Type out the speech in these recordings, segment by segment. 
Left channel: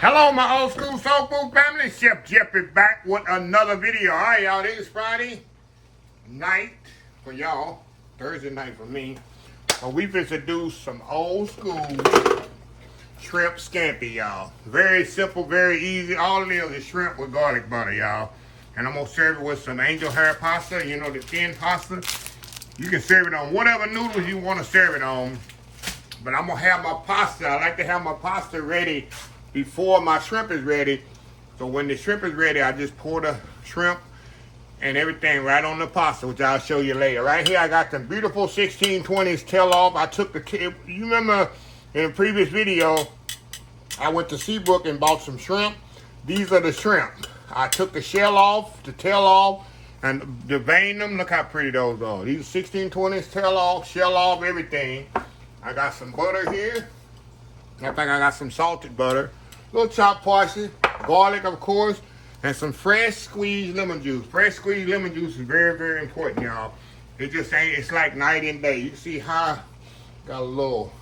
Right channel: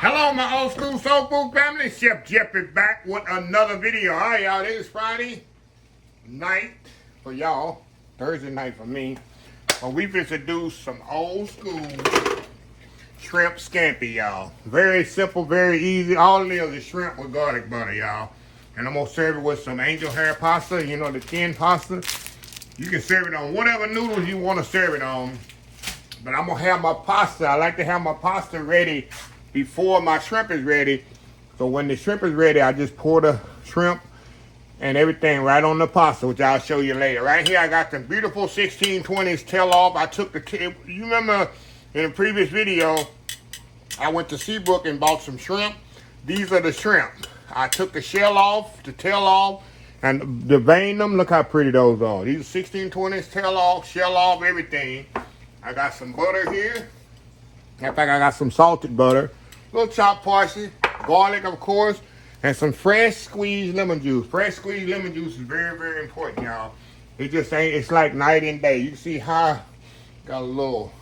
Hello, my old school soul food family. Chef Jeff is back with another video. All right, y'all. It is Friday night for y'all. Thursday night for me. But we to do some old school shrimp scampi, y'all. Very simple, very easy. All it is shrimp with garlic butter, y'all. And I'm going to serve it with some angel hair pasta. You know, the thin pasta. You can serve it on whatever noodles you want to serve it on. But I'm going to have my pasta. I like to have my pasta ready before my shrimp is ready. So when the shrimp is ready, I just pour the shrimp and everything right on the pasta, which I'll show you later. Right here, I got the beautiful 1620s tail off. I took the you remember in a previous video, I went to Seabrook and bought some shrimp. These are the shrimp. I took the shell off, the tail off, and deveined them. Look how pretty those are. These are 1620s, tail off, shell off, everything. I got some butter here. In fact, I got some salted butter. A little chopped parsley, garlic, of course, and some fresh squeezed lemon juice. Fresh squeezed lemon juice is very, very important, y'all. It just ain't, it's like night and day. You see how got a little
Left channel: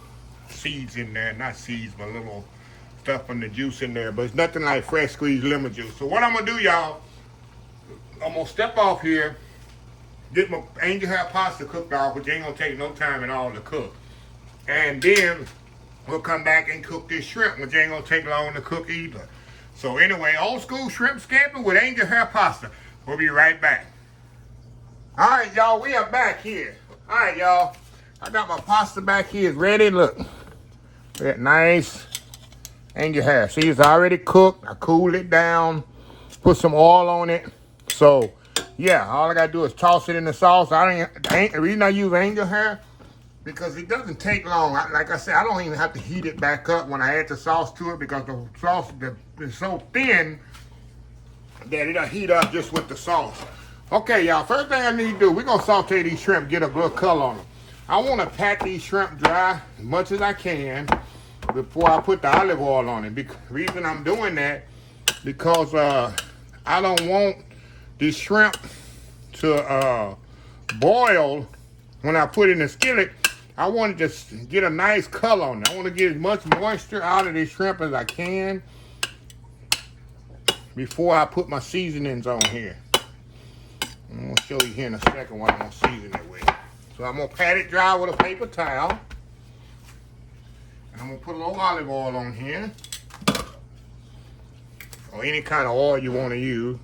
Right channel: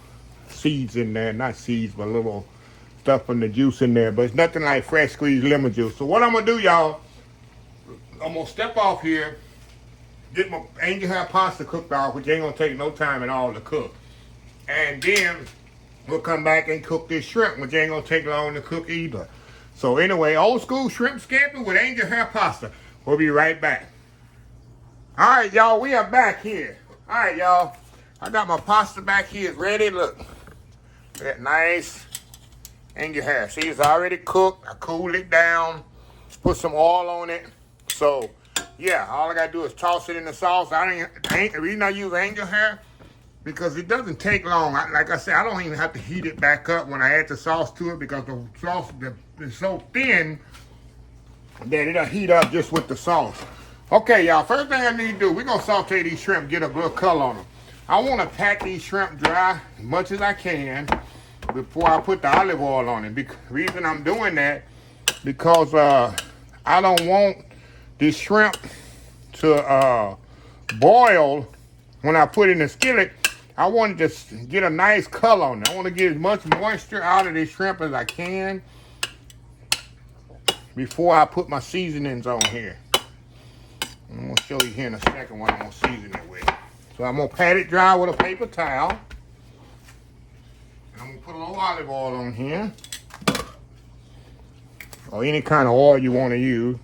seeds in there, not seeds, but a little stuff from the juice in there, but it's nothing like fresh squeezed lemon juice. So what I'm gonna do, y'all, I'm gonna step off here, get my angel hair pasta cooked off, which ain't gonna take no time at all to cook. And then we'll come back and cook this shrimp, which ain't gonna take long to cook either. So anyway, old school shrimp scampi with angel hair pasta. We'll be right back. All right, y'all, we are back here. All right, y'all, I got my pasta back here ready. Look, get nice angel hair. See, it's already cooked. I cooled it down, put some oil on it. So yeah, all I gotta do is toss it in the sauce. The reason I use angel hair, because it doesn't take long. Like I said, I don't even have to heat it back up when I add the sauce to it, because the sauce is so thin that it'll heat up just with the sauce. Okay, y'all, first thing I need to do, we're going to saute these shrimp, get a little color on them. I want to pat these shrimp dry as much as I can before I put the olive oil on it. The reason I'm doing that, because I don't want this shrimp to boil when I put it in the skillet. I want to just get a nice color on it. I want to get as much moisture out of this shrimp as I can before I put my seasonings on here. I'm going to show you here in a second what I'm going to season it with. So I'm going to pat it dry with a paper towel. And I'm going to put a little olive oil on here. Or any kind of oil you want to use.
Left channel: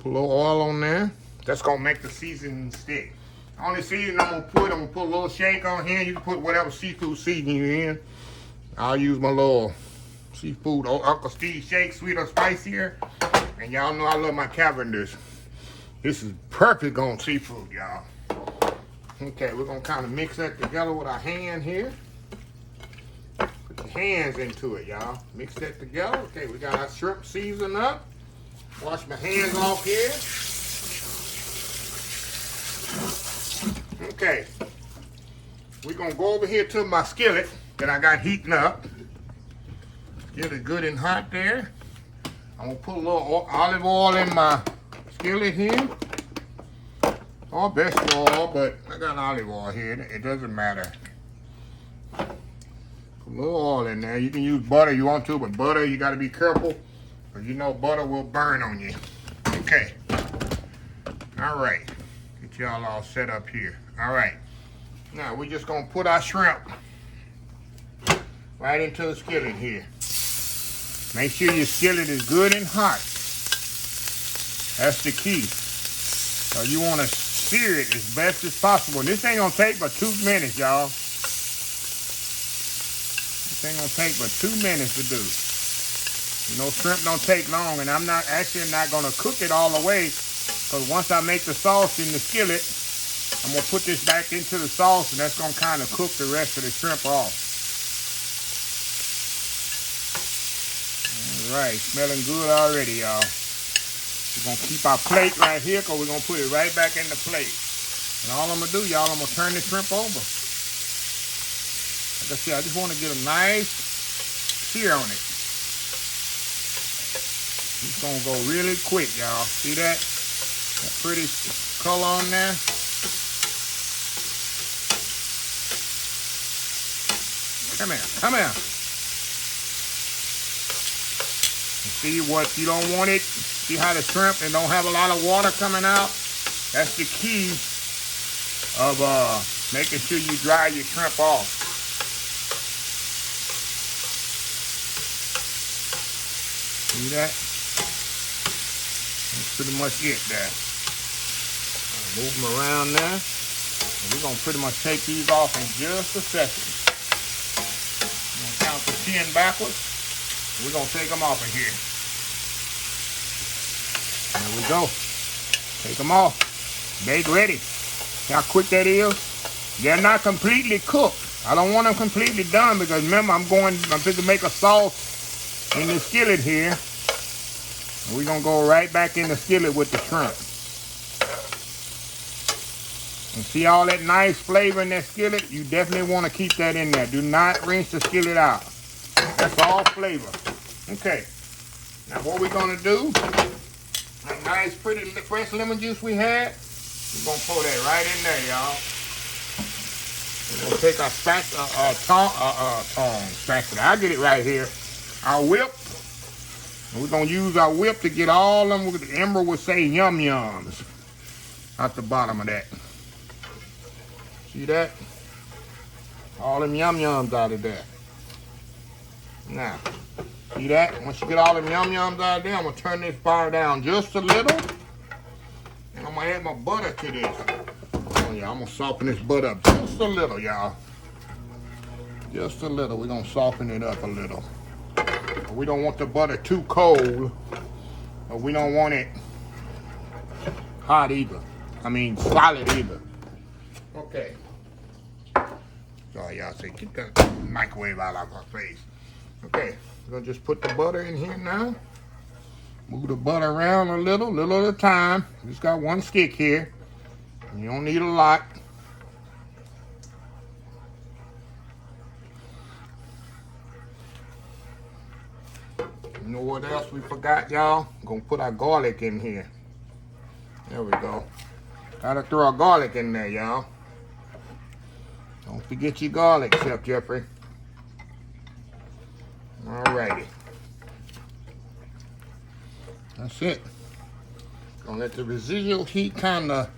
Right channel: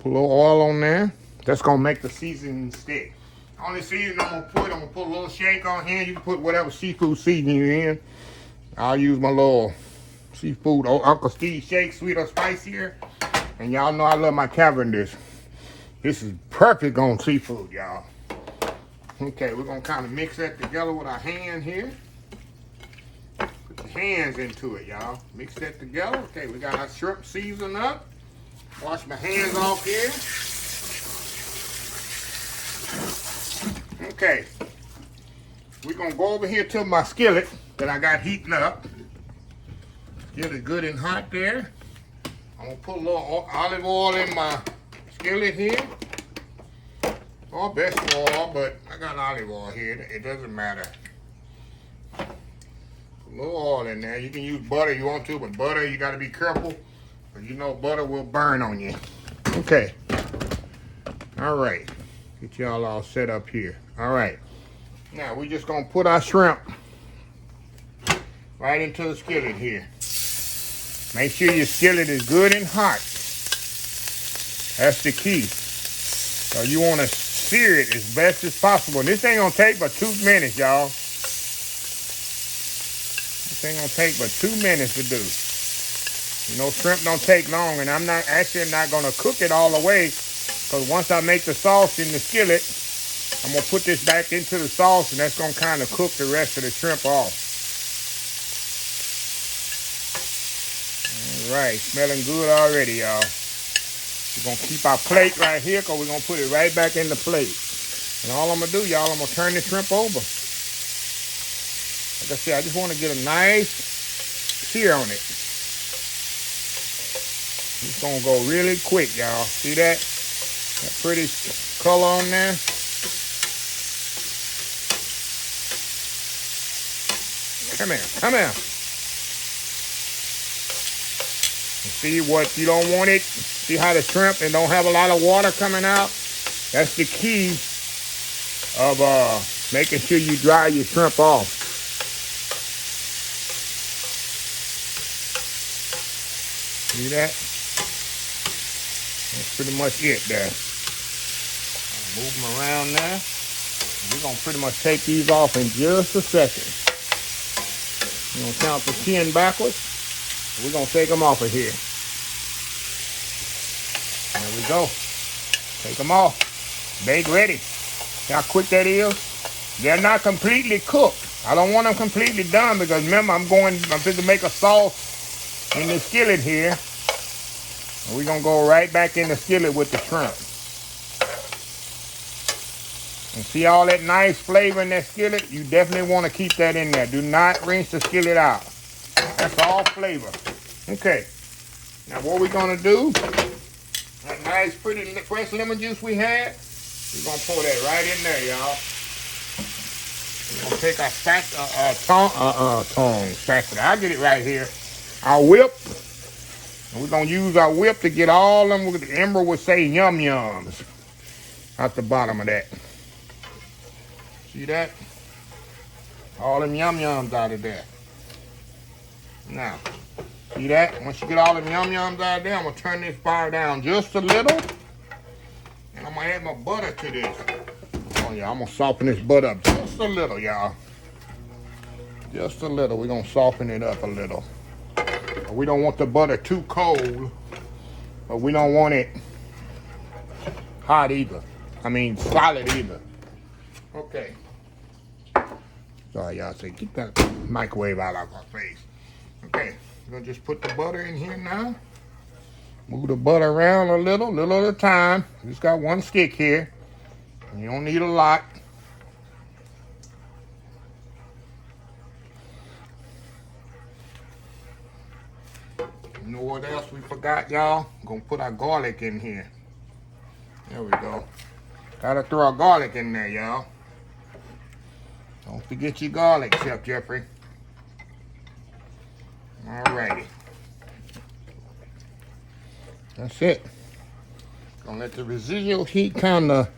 Put a little oil on there. That's going to make the seasoning stick. Only seasoning I'm gonna put a little shank on here. You can put whatever seafood seasoning you're in. I'll use my little seafood Uncle Steve shake, sweet or spicier. And y'all know I love my cavenders. This is perfect on seafood, y'all. Okay, we're gonna kind of mix that together with our hand here. Put your hands into it, y'all. Mix that together. Okay, we got our shrimp seasoned up. Wash my hands off here. Okay, we're gonna go over here to my skillet that I got heating up. Get it good and hot there. I'm gonna put a little olive oil in my skillet here. Or vegetable oil, but I got olive oil here. It doesn't matter. Put a little oil in there. You can use butter if you want to, but butter, you gotta be careful, because you know butter will burn on you. Okay. All right. Get y'all all set up here. All right. Now we're just gonna put our shrimp right into the skillet here. Make sure your skillet is good and hot. That's the key. So you want to sear it as best as possible. And this ain't gonna take but 2 minutes, y'all. This ain't gonna take but 2 minutes to do. You know, shrimp don't take long, and I'm not gonna cook it all the way. Because once I make the sauce in the skillet, I'm going to put this back into the sauce, and that's going to kind of cook the rest of the shrimp off. All right, smelling good already, y'all. We're going to keep our plate right here, because we're going to put it right back in the plate. And all I'm going to do, y'all, I'm going to turn the shrimp over. Like I said, I just want to get a nice sear on it. It's going to go really quick, y'all. See that? That pretty color on there. Come here, come here. See what you don't want it. See how the shrimp and don't have a lot of water coming out. That's the key of making sure you dry your shrimp off. See that? That's pretty much it there. Move them around there. And we're gonna pretty much take these off in just a second. We're gonna count to 10 backwards. We're gonna take them off of here. There we go. Take them off. Bake ready. See how quick that is? They're not completely cooked. I don't want them completely done because remember I'm going to make a sauce in the skillet here. And we're gonna go right back in the skillet with the shrimp. And see all that nice flavor in that skillet? You definitely want to keep that in there. Do not rinse the skillet out. That's all flavor. Okay. Now what we're going to do, that nice pretty fresh lemon juice we had, we're going to pour that right in there, y'all. We're going to take our spatula. I'll get it right here. Our whip. And we're going to use our whip to get all them, the Ember would say, yum-yums out the bottom of that. See that? All them yum-yums out of there. Now, see that? Once you get all them yum-yums out of there, I'm going to turn this fire down just a little. And I'm going to add my butter to this. Oh, yeah, I'm going to soften this butter up just a little, y'all. Just a little. We're going to soften it up a little. We don't want the butter too cold, but we don't want it hot either. I mean, solid either. Okay. Sorry, y'all say, keep that microwave out of our face. Okay, we're gonna just put the butter in here now. Move the butter around a little at a time. Just got one stick here. You don't need a lot. You know what else we forgot, y'all? We're gonna put our garlic in here. There we go. Gotta throw our garlic in there, y'all. Don't forget your garlic, Chef Jeffrey. Alrighty. That's it. Gonna let the residual heat kinda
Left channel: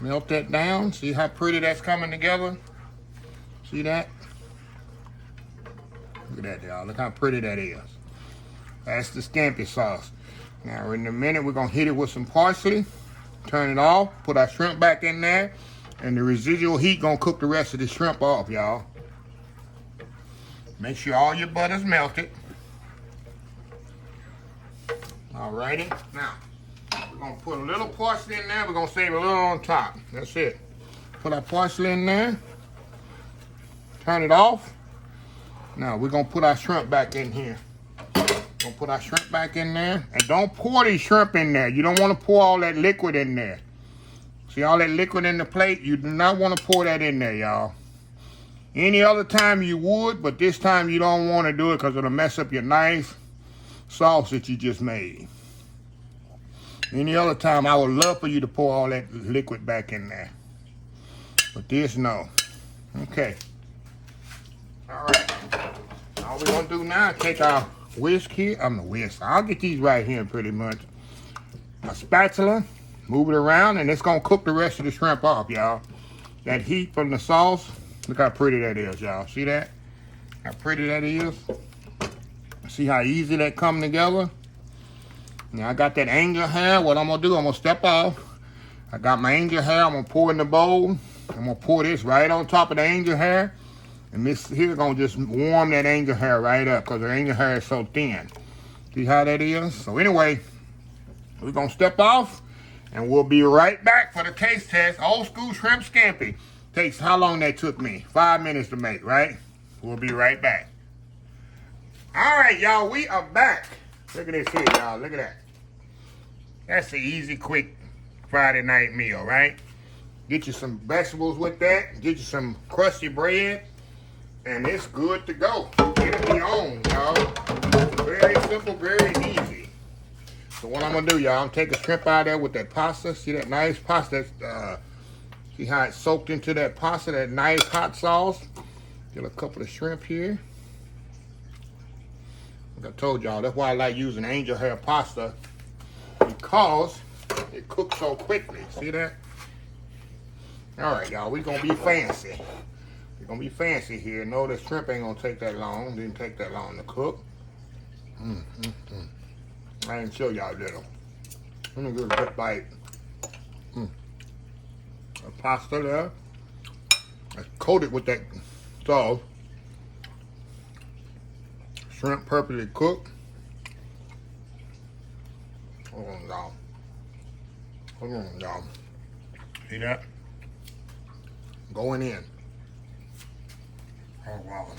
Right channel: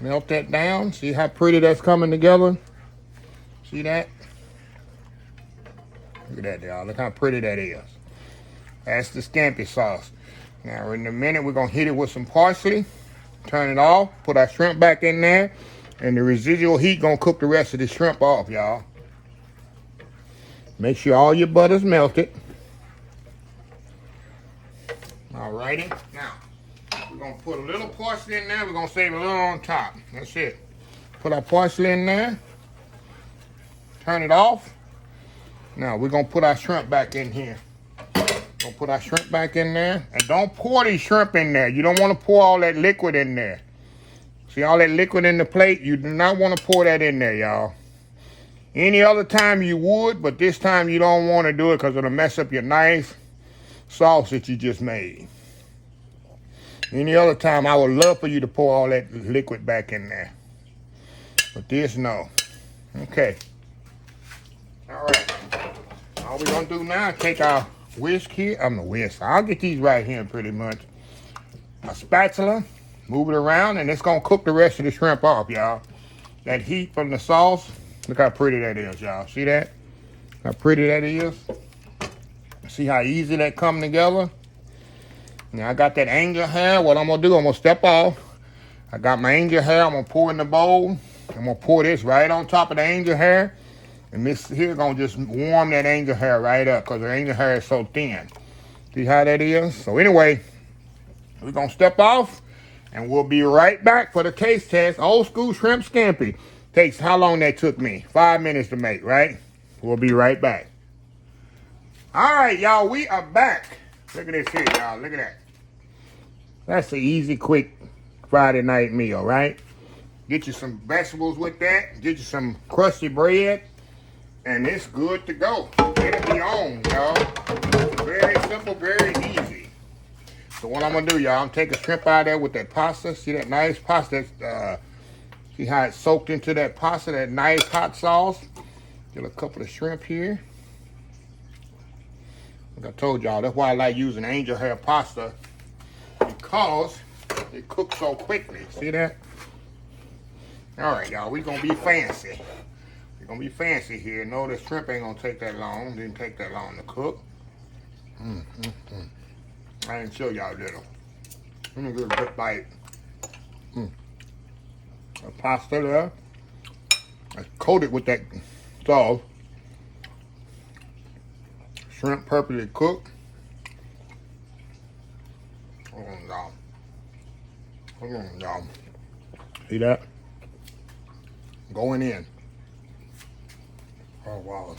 melt that down. See how pretty that's coming together? See that? Look at that, y'all. Look how pretty that is. That's the Scampi sauce. Now, in a minute, we're going to hit it with some parsley. Turn it off. Put our shrimp back in there. And the residual heat going to cook the rest of the shrimp off, y'all. Make sure all your butter's melted. Alrighty. Now, we're going to put a little parsley in there. We're going to save a little on top. That's it. Put our parsley in there. Turn it off. Now, we're going to put our shrimp back in here. Gonna put our shrimp back in there. And don't pour these shrimp in there. You don't want to pour all that liquid in there. See all that liquid in the plate? You do not want to pour that in there, y'all. Any other time you would, but this time you don't want to do it because it'll mess up your nice sauce that you just made. Any other time, I would love for you to pour all that liquid back in there. But this, no. Okay. All right. All we're going to do now is take our whisk here. I'll get these right here pretty much. A spatula, move it around, and it's gonna cook the rest of the shrimp off, y'all. That heat from the sauce, look how pretty that is, y'all. See that? How pretty that is? See how easy that come together? Now I got that angel hair. What I'm gonna do, I'm gonna step off. I got my angel hair, I'm gonna pour in the bowl. I'm gonna pour this right on top of the angel hair. And this here gonna just warm that angel hair right up because the angel hair is so thin. See how that is? So anyway, we're gonna step off and we'll be right back for the taste test. Old school shrimp scampi. Takes how long that took me? 5 minutes to make, right? We'll be right back. All right, y'all, we are back. Look at this here, y'all. Look at that. That's an easy, quick Friday night meal, right? Get you some vegetables with that. Get you some crusty bread. And it's good to go. It'll be on, y'all. Very simple, very easy. So what I'm gonna do, y'all, I'm taking shrimp out of there with that pasta. See that nice pasta? See how it's soaked into that pasta, that nice hot sauce? Get a couple of shrimp here. Like I told y'all, that's why I like using angel hair pasta, because it cooks so quickly. See that? All right, y'all, we gonna be fancy. We're gonna be fancy here. No, the shrimp ain't gonna take that long. Didn't take that long to cook. I didn't show y'all little. Let me get a good bite. The pasta there. I coated with that sauce. Shrimp perfectly cooked. Hold on, y'all. Hold on, y'all. See that? Going in. Oh, wow.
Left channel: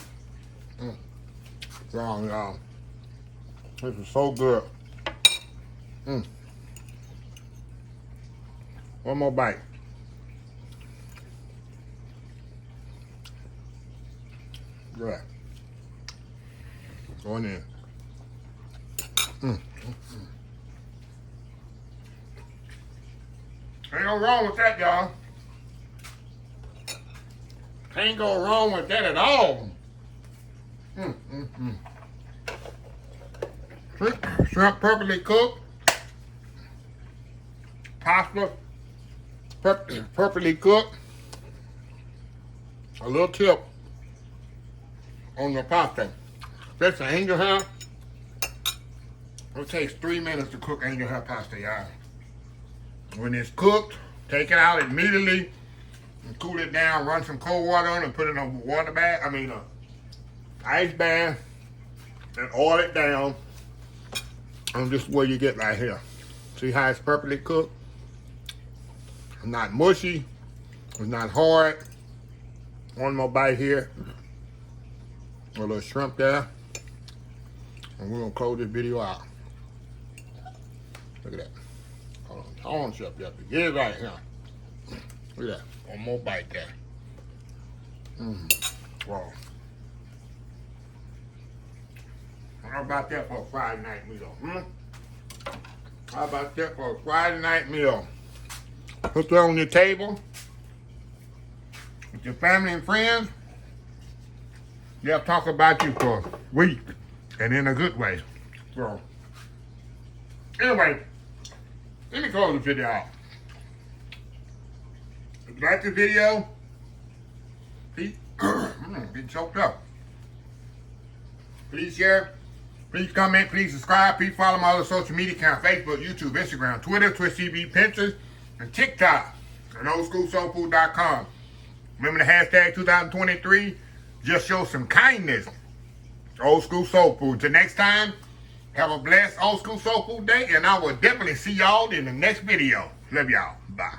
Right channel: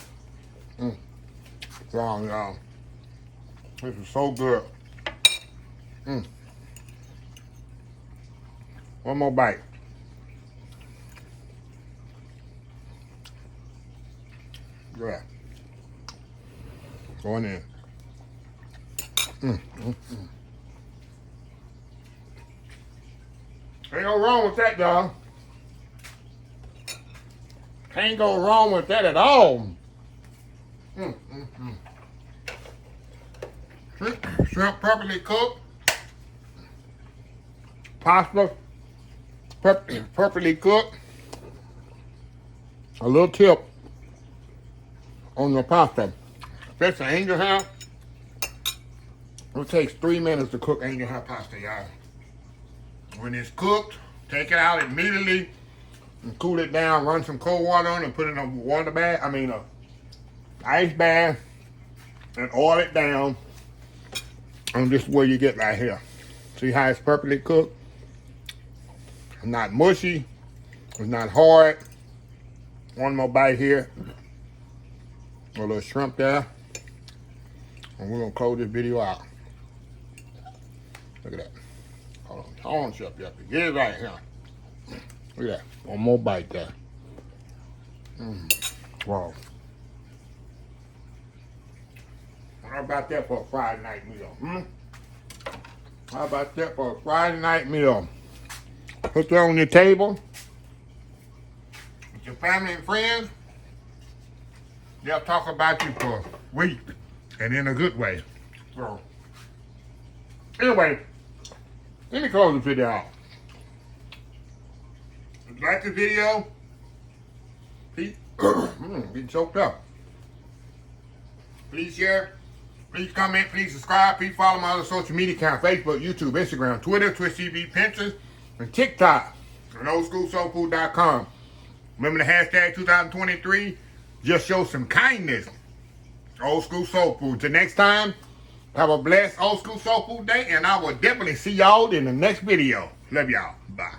Wow, y'all. This is so good. One more bite. Yeah. Going in. Ain't no wrong with that, y'all. Can't go wrong with that at all. Shrimp perfectly cooked. Pasta perfectly cooked. A little tip on the pasta. Especially angel hair. It takes 3 minutes to cook angel hair pasta, y'all. When it's cooked, take it out immediately and cool it down. Run some cold water on it and put it in a water bath. Ice bath, and oil it down. And this is what you get right here. See how it's perfectly cooked? It's not mushy. It's not hard. One more bite here. A little shrimp there. And we're gonna close this video out. Look at that. Hold on, Chef Yuppie. Get it right here. Look at that. One more bite there. Wow. How about that for a Friday night meal? How about that for a Friday night meal? Put that on your table with your family and friends. They'll talk about you for weeks, and in a good way. So, anyway, let me close the video out. If you like the video, please, getting choked up. Please share, please comment, please subscribe, please follow my other social media accounts, Facebook, YouTube, Instagram, Twitter, Twitch TV, Pinterest, and TikTok, and oldschoolsoulfood.com. Remember the hashtag 2023, just show some kindness. Old School Soul Food. Till next time, have a blessed Old School Soul Food day, and I will definitely see y'all in the next video. Love y'all. Bye.